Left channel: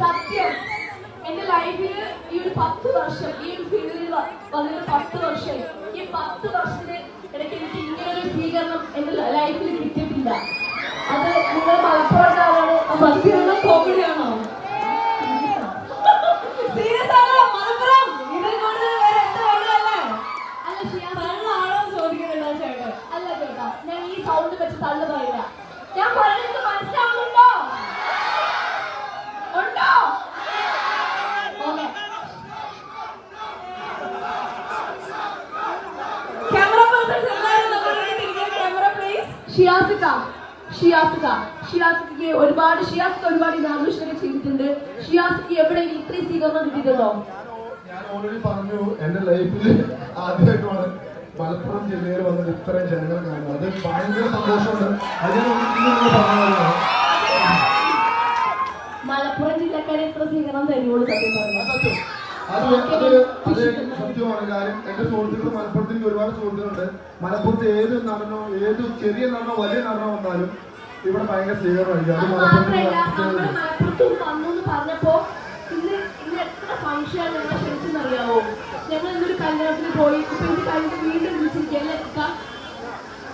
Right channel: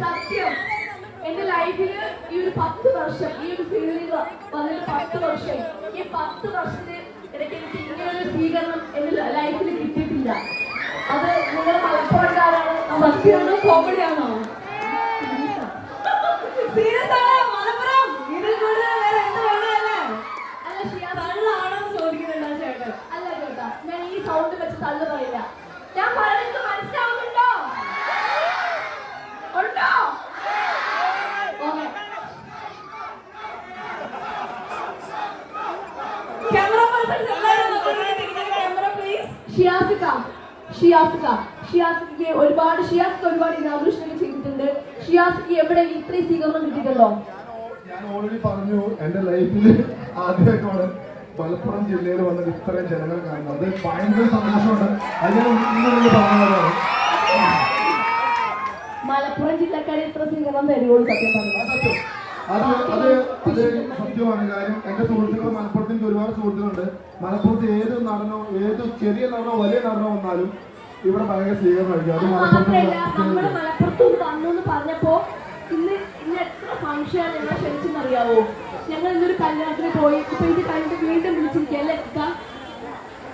സത്യം. എന്റെ ലൈഫിൽ ഈ ഒരു പത്ത് വർഷം ഈ ഒരു ഫീൽഡിൽ വന്നൊരു പത്ത് വർഷം ഈ പത്ത് വർഷത്തെ ഇടയ്ക്ക് എനിക്ക് ഇങ്ങനെ ഒരു സ്വീകരണം എന്റെ ലൈഫിൽ കിട്ടിയിട്ടില്ല. അത് നിങ്ങൾ മലപ്പുറത്താളാണ് സത്യമാണോ കോമഡിയാണോ മലപ്പുറം? ഇതിൽ വേറെ എന്ത് വേണമല്ലേ അല്ല ഷിയാണോ ചോദിക്കുന്നുണ്ടോ ചേട്ടൻ. അല്ല ചേട്ടാ ഞാൻ ഈ സൗണ്ട് വെച്ച് തള്ളു പറയില്ല. ഞാൻ പറയുന്നത് ഷിയാസിക്ക ഷിയാസിക്ക ഷിയാസിക്ക് ഒരുപാട് ഷിയാസിക്ക് ഒരുപാട് ഇനാഘോഷങ്ങൾ ചെയ്തിട്ടുണ്ട്. ഷിയാസിക്ക് എവിടെ ഇത്രയും സ്വീകരണം കിട്ടിയിട്ടുണ്ടോ? ഞാൻ ഓൾറെഡി പറഞ്ഞു എന്റെ ലൈഫിൽ ആദ്യമായിട്ടാണ് മലപ്പുറം ജില്ലയിൽ വന്നത് ഇത്രയും ജനങ്ങൾ കാണുന്നത്. അത് ഭയങ്കര സന്തോഷമുണ്ട്. അതിനൊന്നും പറഞ്ഞതാണ് മലപ്പുറം ജില്ലക്കാരെ ഇത്ര സ്വീകരണം തരുവുള്ളൂ സത്യം പറഞ്ഞു. അത്. അത് അത് ചോദ്യമാണ് കാര്യം എന്റെ സുഹൃത്തുക്കൾ മലപ്പുറത്ത് എനിക്ക് ഒരുപാട് സുഹൃത്തുക്കളുണ്ട് മലപ്പുറത്ത് ഏത് നടനോ ഏത് ചെറിയ നടനോ വലിയ നടനോ വന്നാലും ഇവിടെ ഭയങ്കര സ്വീകരണമായിരിക്കും മലപ്പുറത്ത് വന്നു ഞങ്ങൾ ഇന്നൊരു കല്യാണത്തിന് പോയി ഇപ്പൊ ഇത് കഴിഞ്ഞ